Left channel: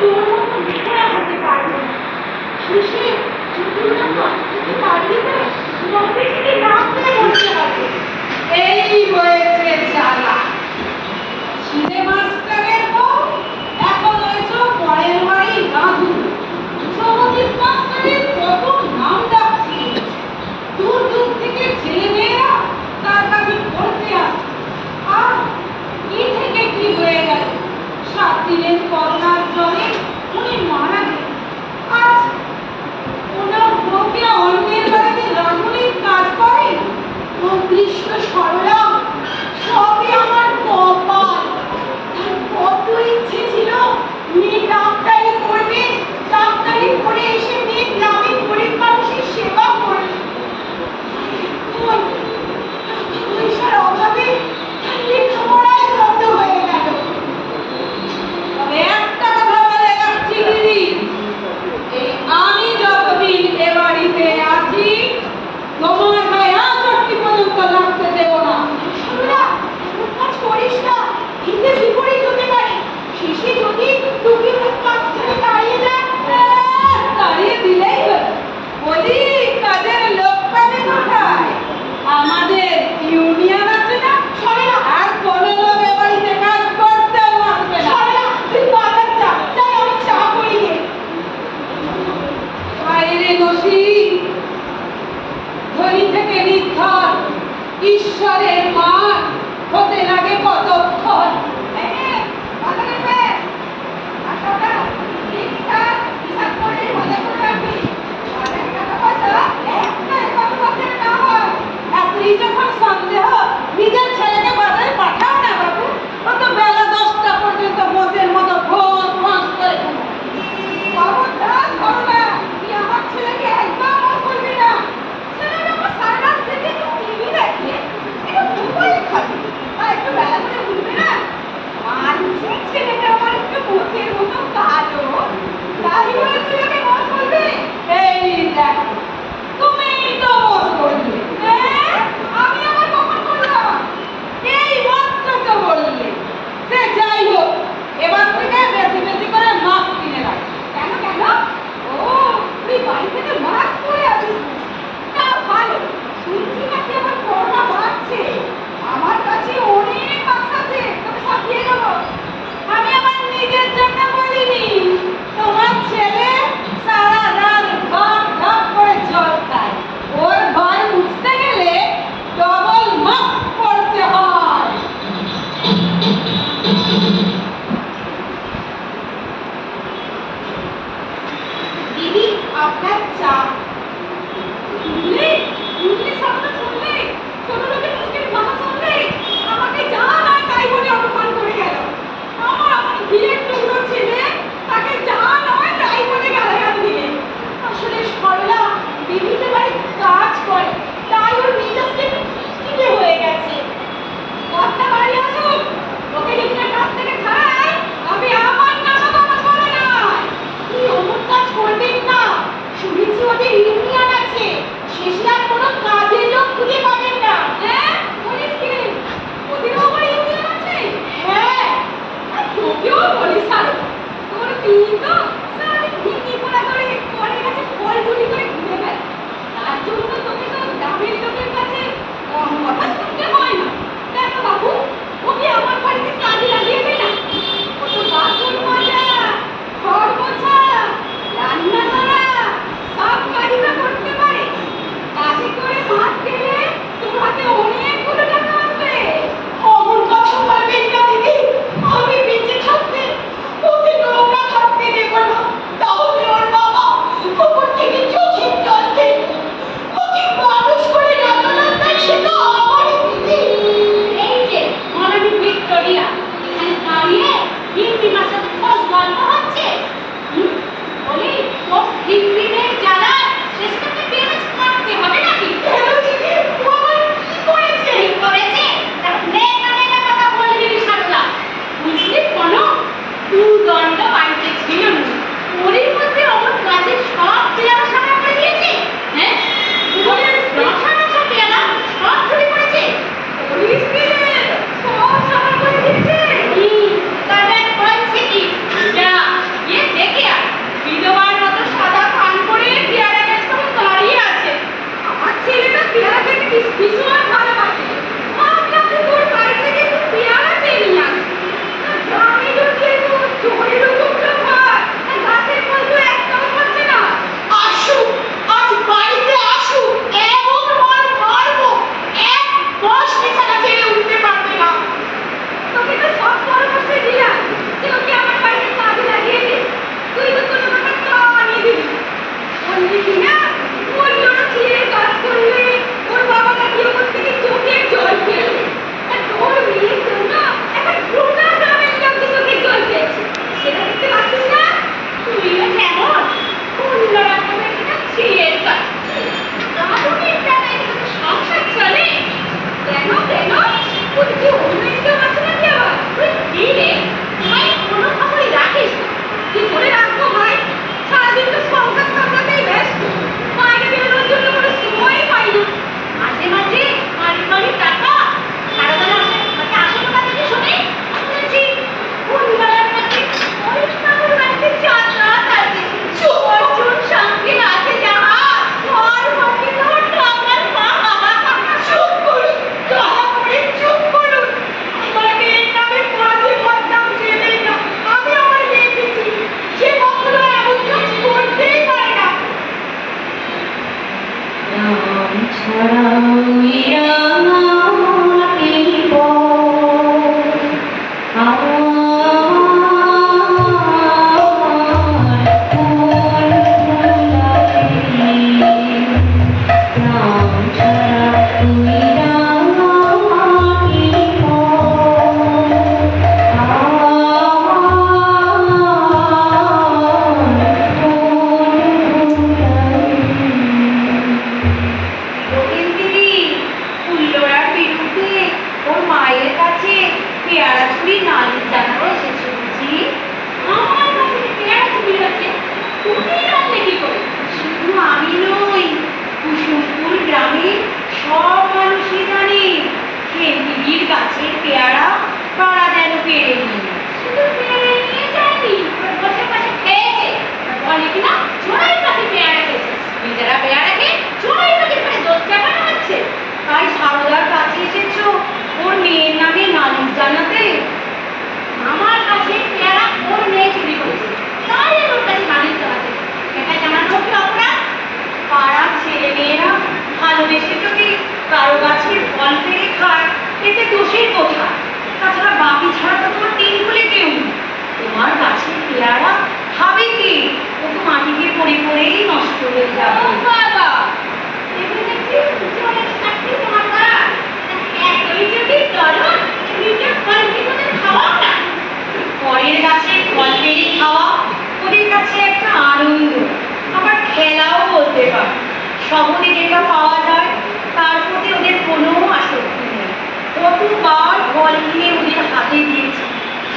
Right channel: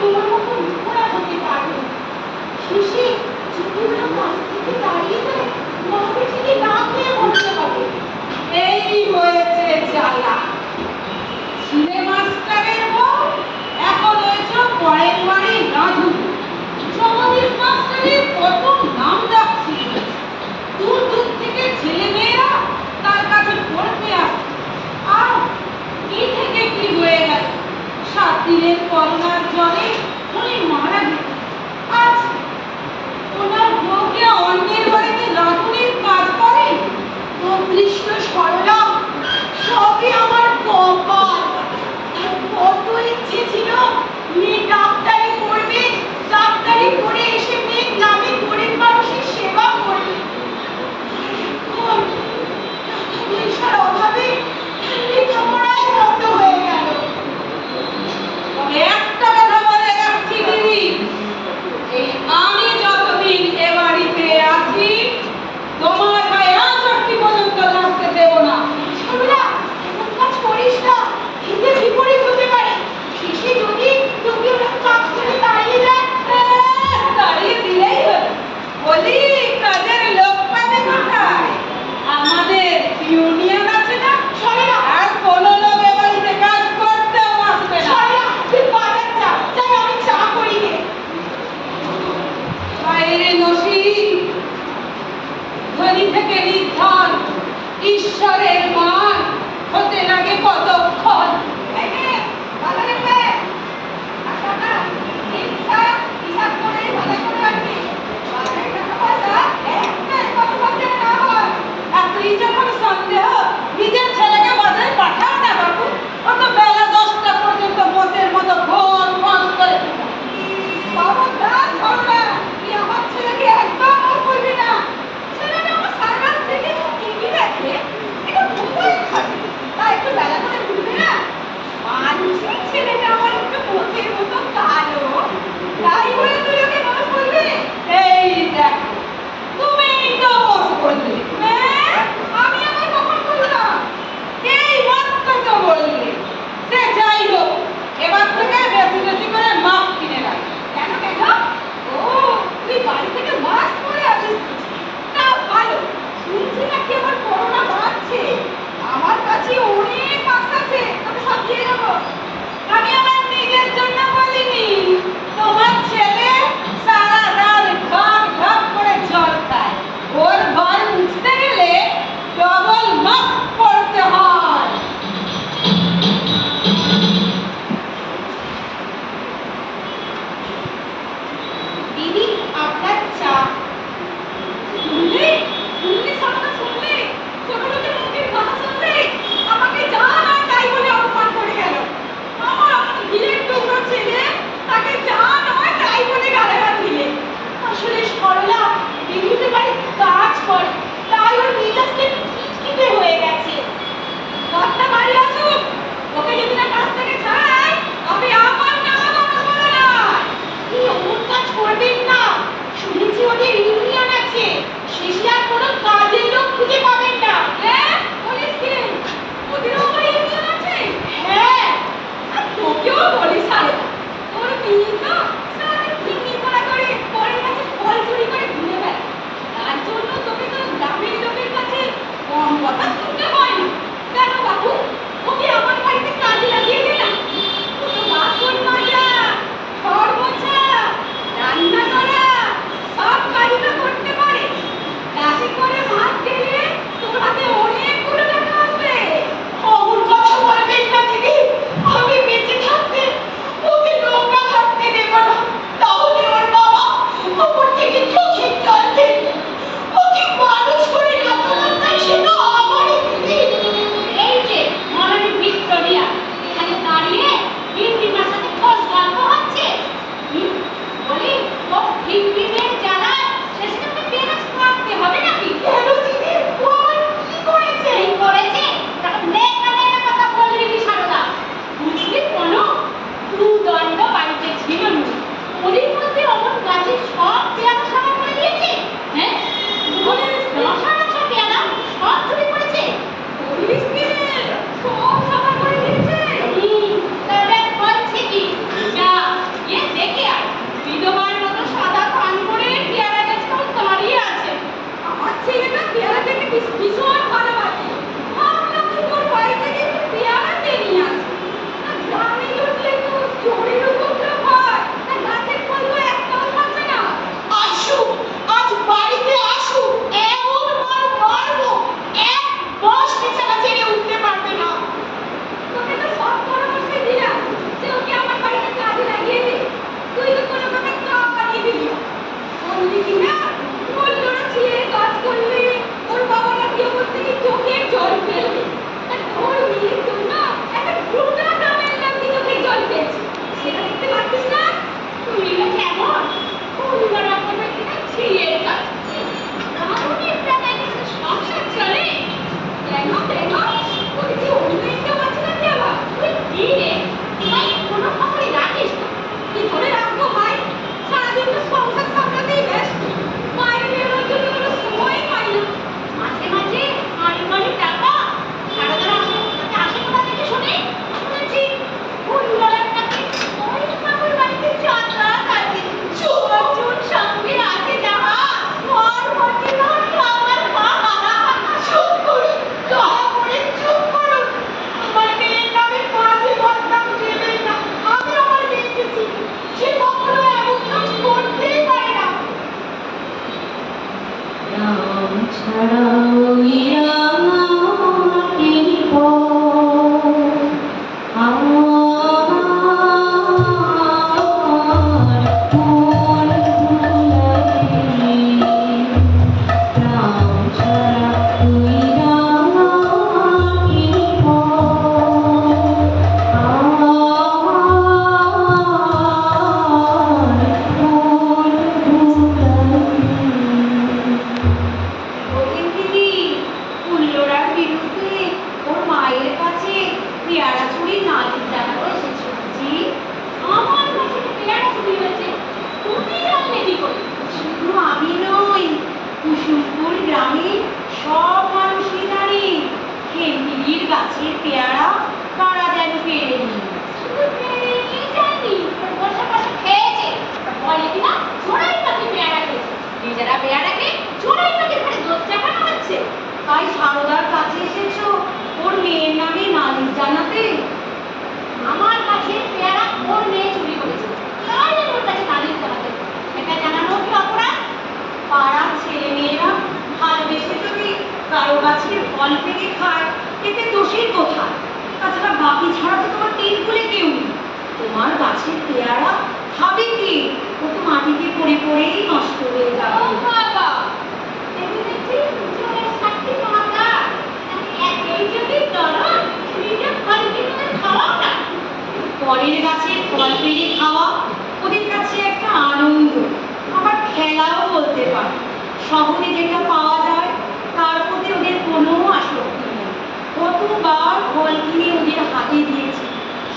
তোর মতো মেয়েরা হতে পারবে না। শেষে যদি ওরা পাশ থেকে দাঁড়িয়ে দেয়, নবে থেকে নাক দিয়ে বলতে হবে, এই হয়েছে জ্বালা। ছিঁড়ে মাস্টারের বউ এখন হয়েছ পরের বাড়ি রাধু। জগদীশ মাস্টারের কত নাম ডাকছি, দূর দূর থেকে ছেলে মেয়েরা তার কাছে পড়তে আসছে। আর কি থেকে কি হয়ে গেল, 7 দিনের করোনার জ্বরে উনি মারা গেলেন। আজ ওনার বউকে অন্যের বাড়িতে রাঁধুনির কাজ করে। ও কৃষ্ণ সরলা, সবই আমার কপাল। কত ইচ্ছে ছিল মেয়ে ডাক্তারি পড়বে, ডাক্তারি পড়ে এসে মেয়ে গ্রামে গরিব মানুষের সেবা করবে। পয়সার অভাবে লেখাপড়ায় বন্ধ হয়ে গেল। তবে একটা কথা বলে রাখছি দিদি, এই আমি যতদিন এ বাড়িতে আছি তোমার গায়ে আঁচড়টি পর্যন্ত লাগতে দেব না। সরলা, এমন কাজ করিস না, এতে বিপরীত হতে পারে। শেষে যদি তোকে কাজ থেকে তাড়িয়ে দেয়, তাড়িয়ে দিলেই হলো। বলি কাজের লোক পাবে কোথায়? আমাদের ইউনিয়ন আছে না? সরলা, আর কোনো লোক এ বাড়িতে কাজ করতেও আসবে না। সরলা, তুই বাজার যা, যাবে আমি চা করি নে। বাইরে নসি, ধনী থেকে নির্ধন ঈশ্বরের মান হতে লাগে কতক্ষণ। ভালো রেখে হিসাব করে ভালো করে রাখবি। বাজারে টাকা পয়সা একটাই কত বছরে না হয়। এতই যখন সন্দেহ, নিজের ছেলেকে বাজারে পাঠাও না বাবু। ও তো বেলা 10টা পর্যন্ত বোঝের মতো ফোন ফোন করে বাবা। তা সরলা, তুই আমার ছেলেকে একদম মন করবি না। ছেলেটা আমার সারা রাত থেকে একটু টিভি দেখে, একটু মোবাইল খাবে, তা একটু বেলা করে ঘুরবে না। মানছি ছেলেটা আমার একটু বোঝের মতো কালো, তাই বলে তুই ওকে মন করবি? এই দেখ, তুমি তো মন করলে। হ্যাঁ, আমি আমার কখন করলাম? এই মাত্র তো বললে। সে যাই হোক, এবার থেকে বেশি বেশি করে মাছ কিনে রাখ। কেন কেন? ও, তুই বাড়ি থেকে মাছ পরে আসিস না? ভালো, শুনছি নাকি আবার করোনা বাড়ছে। আমার কাছে অনেক মাছ আছে, তোকে সব দিয়ে দেবো। আমি আমার নিজের জন্য বলিনি, তোমার ছেলে সারা রাত ঢক ঢক করে জল খায়। ওর ঘর মুছতে গেলে ডবল মাস্ক পরতে হয়। দিদি, আপনার চা। শুনলে শুনলে সবটা শুনলে, ছোট লোকের মুখের কথা শুনলে, আমাকে যা না তাই বলে অপমান করে গেল। আমার ঘিরের টুকরো ছেলে, তাকে যা নয় তাই বলে গালাগাল দিলে। আসলে সরলা দিদিতে বাড়িতে কাজ করে, তাই ওর মেজাজটা একটু খিটখিটে হয়ে গেছে। কথা বাড়ি আসুক, ওকে যদি না কাজ থেকে ছাড়াই, তবে আমার নামা কথা বলা নয়। কি অমুক কাজ করবেন না, শুনেছি ওদের ইউনিয়ন আছে, শেষে আর কোনো কাজের লোক খুঁজে পাবেন না। হ্যাঁ, বলিস কি রে, ওদেরও আবার ইউনিয়ন আছে? হ্যাঁ, আর তোকেও বলিস আরো, তোর কিন্তু সারাদিন ভিঙ্গি পড়া করে পরের কাছে ফল চুরি করে ঘুরে বেড়ায়। তার জন্য তোকে তো গ্রামের লোকের কাছে কম কথা শুনতে হয় না। কেন বাবু, ওকে আমার বাড়িতে কাজে লাগিয়ে দে না। ও তো বাসন মাজা, ঘর মোছা, রান্না করা, সব কাজই তো করতে পারে। কাজে করে মাছ গেলে তোর হাতে অনেকগুলো টাকা আসবে। অমন কথা বলবেন না দিদি, আমি বেঁচে থাকতে ওকে নোংরা থাকতে দেব না। তাহলে ওর বাবা ওপর থেকে চোখের জল দেবে। ওকে মানুষ করে রাখলাম, তাই সে তো আমারই দিদি। এই যে পেয়ারা চুরি নালিশ জানাতে এসেছো বুঝি? আমার কাছে পেয়ারা চুরি হয়েছে, তুমি জানলে কি করে? শুধু আমি নই, কুসুমপুর গ্রামের সব মানুষই জানে খেমদিদির গাছের পেয়ারা কারা যেন পেরে নিয়ে শুধু পেয়ারা নিয়ে যায়নি, ওর বসে বসে খেয়েছে। বলে কিনা চোরাই পাখি পেয়ারা খেয়েছে, নিজেরা পেয়ারা খেয়ে চোরাই পাখি করে দোষ চাপানো হচ্ছে। তাই সারদার কাছে এসেছো ওর মেয়ের নামে নালিশ জানাতে? আমার কাছে পেয়ারা ওর মেয়ে চুরি করেছে, তাই আমি ওর কাছে নালিশ জানাতে। এটা জানানো কি অপরাধ? পাড়ার ছেলে মেয়েরা ভালোবেসে যদি কারো গাছের ফল পেরে খায় এতে দোষের কোথায়? তাছাড়া বাকি ছাড়া তো তোমার টেনকুলে কেউ নেই। তোমার গাছের পেয়ারা খাবে কি? ও তো মাটিতে পড়ে পড়েই নষ্ট হয়ে ও যাবে। বাবা, এমনি দেখছি চোরের সাক্ষী তোমার মা। এতই যদি করো, নিজের ফল কি তোদের খাওয়াও না? পরের গাছে ফল পেরে খাওয়া ওদের কাছে একটা আনন্দ, আবার খেলাও বলতে পারে। শহরে যেটা পাওয়া যায় তার প্রতি ওদের কোনো আসক্তি নেই। কতবার ফল কিনে ওদের হাতে দিয়েছি,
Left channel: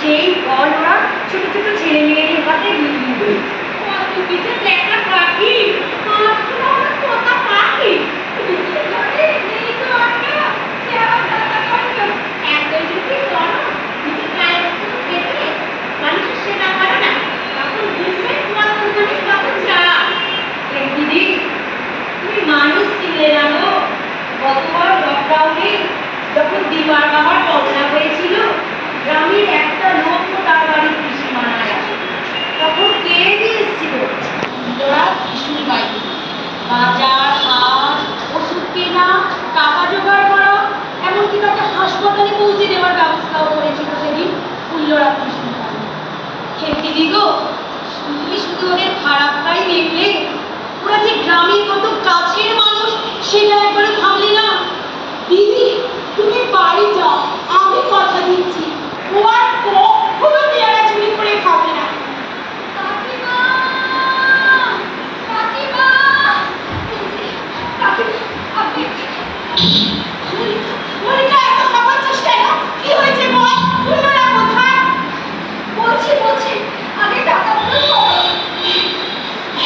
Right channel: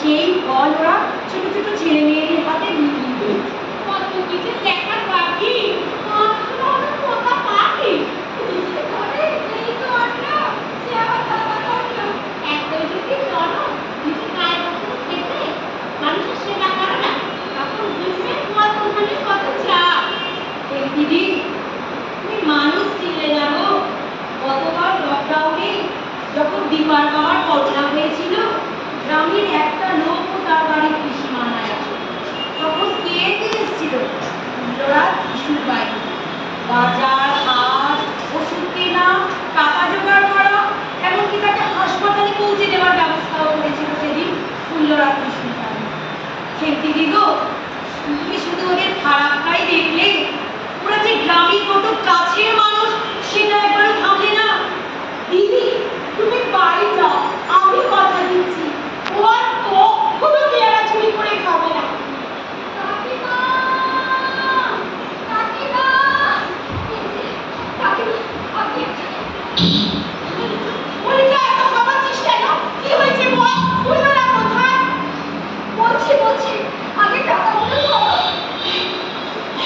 সেই ফল ওরা ছোট ছোট ছেলে মেয়েদের হাতে বিক্রি করেছে। তুমি যে দেখা পাখি, মাত্র আমার পোতা পাখি। নিজের ঘরে নেই তো আটকা, সে আবার টাকা করলো। এতই যদি করো, নিজের গায়ের উপর খেতে মানুষের সেবা করো না, তখন বুঝবে কত মানুষ কত চায়। এই দিদি, তুমি মানুষ চিনলে না গো? গতবার লকডাউনে যখন দিবার বাবার করোনা হয়েছিল, গ্রামের একটা লোক তার বাড়ির কৃষি মারা গেছে। তখন কে দিয়ে এসেছিল? তোরা কৃষির বাড়ি বাজার হাট, ওষুধ কেনা, টাকা জোগাড় করা, এমনকি তাকে হাসপাতালে পৌঁছে দেওয়ার ব্যবস্থাও করেছিল সেদিন ফুল্লরা কৃষ্ণ। খেলতে দিগো, তুমি শুধু ওদের খারাপটাই দেখলে, ওরা যে গ্রামের কত কাছের মানুষ সেটা একবারও ভাবলে না? দিদি, তুমি বাড়ি যাও, আমি কথা দিচ্ছি ও আর কখনো পেয়ারা চুরি করে খাবে না। কাকিমা, কাকিমা, কাকিমা, আপনি মনিকা এত খাবার চেষ্টা না, কি হয়েছে বল? ফুলরা কোথায়? বলছি আগে টাকাগুলো ধরো।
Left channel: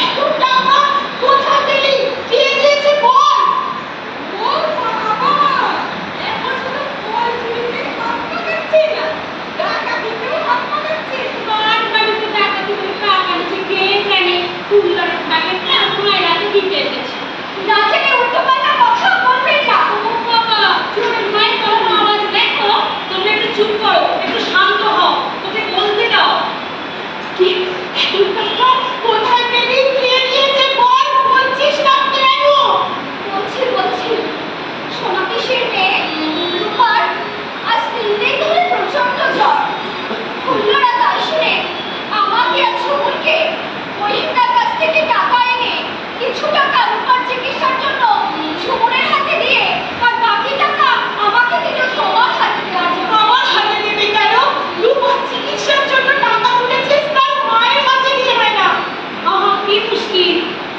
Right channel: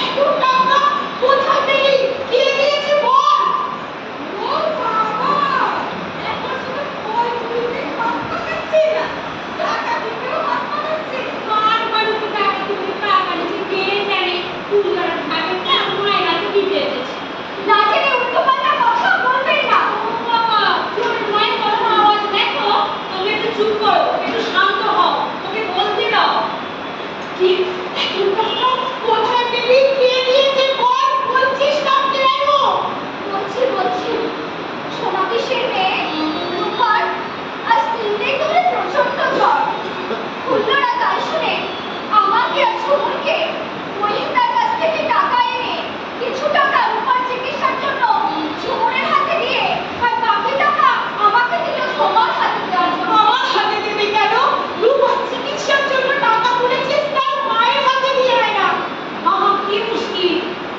এত টাকা কোথা থেকে কে দিয়েছে বল? ও বাবা, এখন শুধু ফল চুরিতে হাত পাকাচ্ছে না, ডাকাতিতেও হাত পাকাচ্ছে। কার বাড়িতে ডাকাতি করে টাকা নিচ্ছে কে জানে? ফুলদার ভাগের টাকা রাতে দিতে এসেছে। না জেনে উল্টো পাল্টা কথা বলবেন না। ও বাবা, চোরের মায়ের কোনো আওয়াজ দেখো, তোমরা একটু চুপ করো, একটু শান্ত হও, তোকে বলতে দাও। কি এত টাকা কোথায় পেলি? কে দিয়েছে বল? বলছিস না কেন? বলছি সোনাকিসের মেয়ে রূপার আজ 3 দিন ধরে প্রচন্ড জ্বর। ফুল্লরা তাই শুনে আমাকে আর ঝুমুরকে মহিন্দার কাছ থেকে টাকা এনে কিছু টাকা রূপার চিকিৎসার জন্য ঝুমুরের হাতে দিয়ে আর বাকি টাকা আমাকে দিল তোমার হাতে দেওয়ার জন্য। আমার হাতে দেবে কেন? রূপার চিকিৎসার জন্য টাকা তুলেছিস তার মায়ের হাতে দিয়ে হয় না? আহা, কি মুশকিল!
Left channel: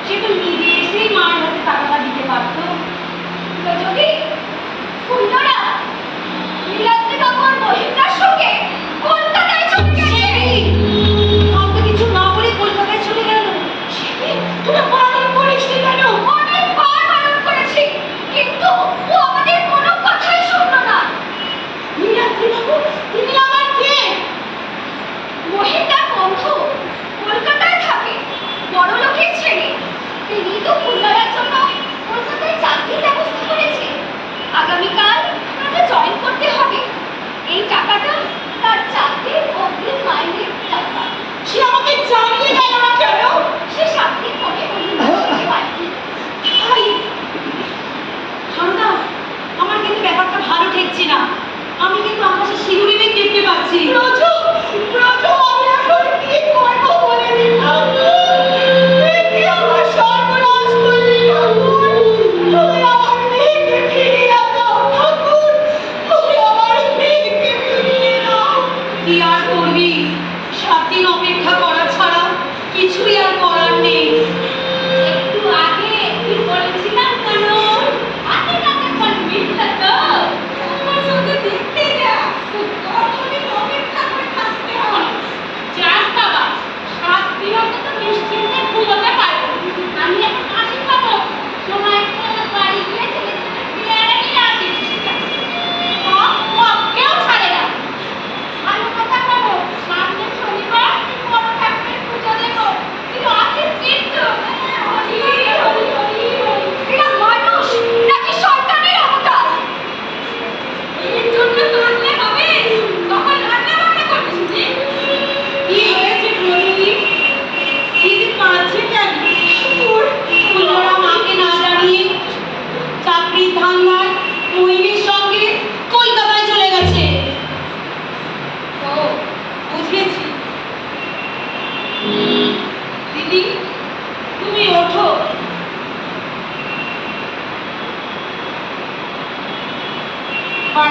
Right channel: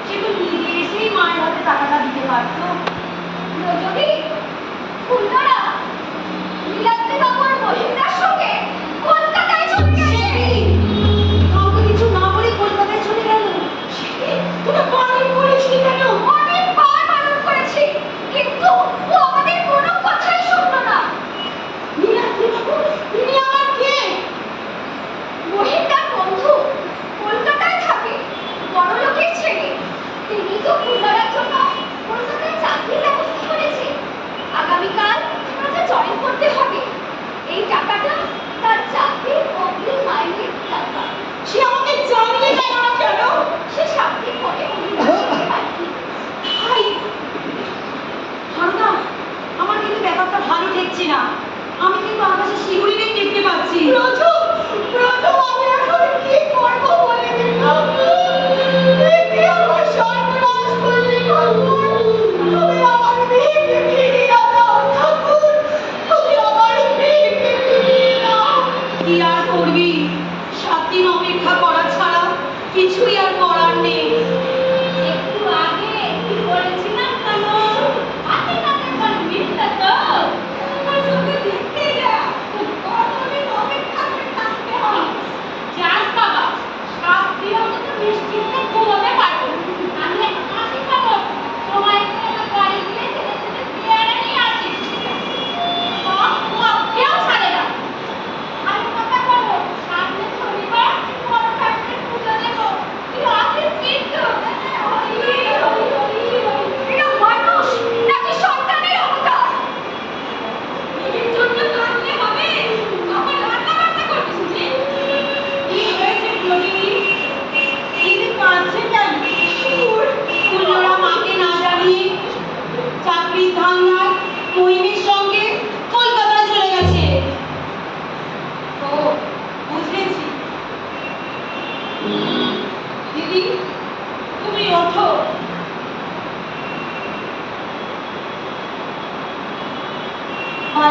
সে তো নিজে এসেই মায়ের হাতে টাকাটা দিতে পারতো। যদি ফুল্লরা নীলাদ্রি বাবু আর মহিন্দার সঙ্গে কলকাতায় চলে গেছে। কাউকে কিছু না বলে কলকাতায় চলে গেল। তুই বারণ করিসনি কেন? অনেকবার বারণ করেছি, কিন্তু ও আমাদের কোনো কথাই শুনলো না। নীলাদ্রি বাবু, তিনি আমার কে? মহিন্দার বন্ধু, কলকাতায় থাকে, বড় লোকের ছেলে। তিনি তো ফুল্লরার জন্য কলকাতায় চাকরির ব্যবস্থা করেছে। আগামীকাল তাকে জয়েন করতে হবে। এই টাকাটা তার চাকরির অগ্রিম মাইনের টাকা। সে আমাকে জানিয়ে গেল না কেন? সে 7 দিন পরে বাড়ি। ঠান্ডা, আমার কিন্তু ব্যাপারটা ভালো ঠেকছে না। আমি কিন্তু আকাশে শিউরি মেঘ দেখতে পাচ্ছি। ব্রজু, আমি এখন কি করবো বলে দিন ঠাকুর। একে আমার সর্বনাশ করলি ঠাকুর। তুমি আমার মেয়েকে ফিরিয়ে দাও ঠাকুর, তুমি আমার মেয়েকে ফিরিয়ে দাও। কি আর করবি? 7 দিন অপেক্ষা করা ছাড়া কিছুই আর করার নেই। একটু আগে কি বলেছিলাম কেন? হাতে হাতে ফল মিলতে তো আমার সঙ্গে দেখতে যা। কত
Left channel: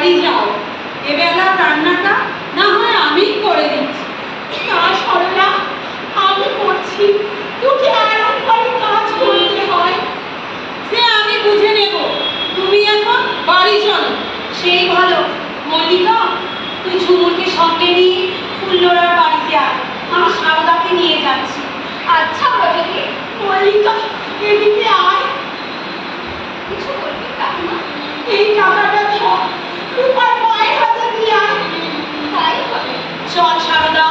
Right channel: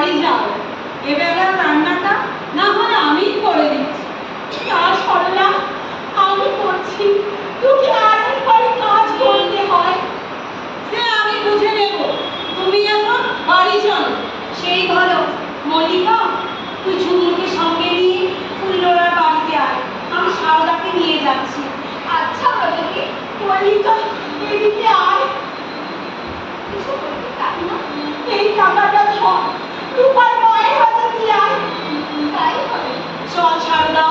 বাড়ি যাও, এবেলা রান্নাটা না হয় আমিই করে দিচ্ছি। না সরলা, আমি করছি, তোকে আরাম করে কাজ করতে হয়। সে আমি বুঝে নেব, তুমি এখন বাড়ি চলো। সেই ভালো। মল্লিকা, তুই ঝুমুরকে সঙ্গে নিয়ে ফুল্লরার বাড়িতে আয়, আমি সারদাকে নিয়ে যাচ্ছি। আচ্ছা ব্রততী। মল্লিকা, এদিকে আয়। কিছু বলবি কাকিমা? এই টাকাটা ধর, রূপার মায়ের হাতে দিয়ে আয়। তাই হবে। চল সারদা,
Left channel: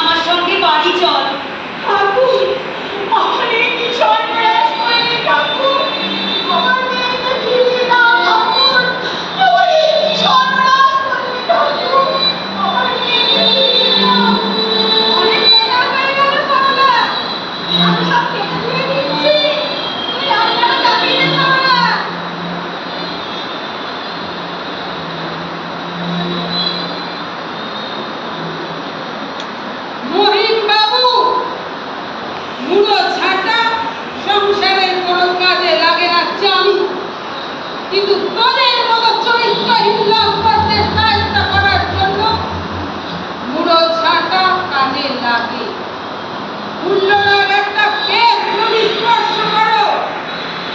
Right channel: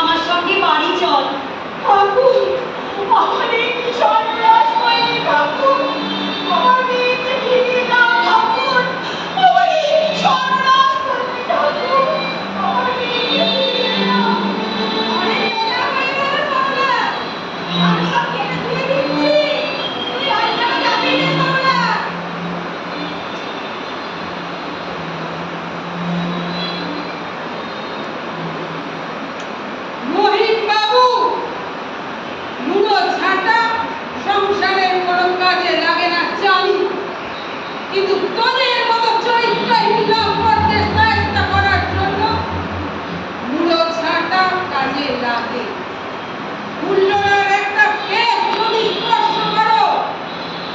আমার সঙ্গে বাড়ি চল। ঠাকুর, আমার এই কি সর্বনাশ হয়নি ঠাকুর, আমার মেয়েকে ফিরিয়ে দাও ঠাকুর, আমার এই কি সর্বনাশ করলি ঠাকুর, আমার মেয়েকে ফিরিয়ে দাও। অনেক বেলা হয়ে গেল সরলা, আমি সব কেটে ধুয়ে দিচ্ছি, তুই রান্নাটা চাপিয়ে দে সরলা। মহিন বাবু, মুড়ো ঝাঁটা সংসারের কোনো কাজে লাগে না জানি, কিন্তু তোদের মতো চরিত্রহীন লোক করতে সাহায্য করার জন্য মুড়ো ঝাঁটা কাজে লাগে। ফুল্লরার একটা কেস যদি স্পর্শ করো,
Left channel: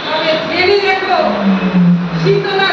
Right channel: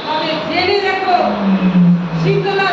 তবে জেনে রেখো শীতলা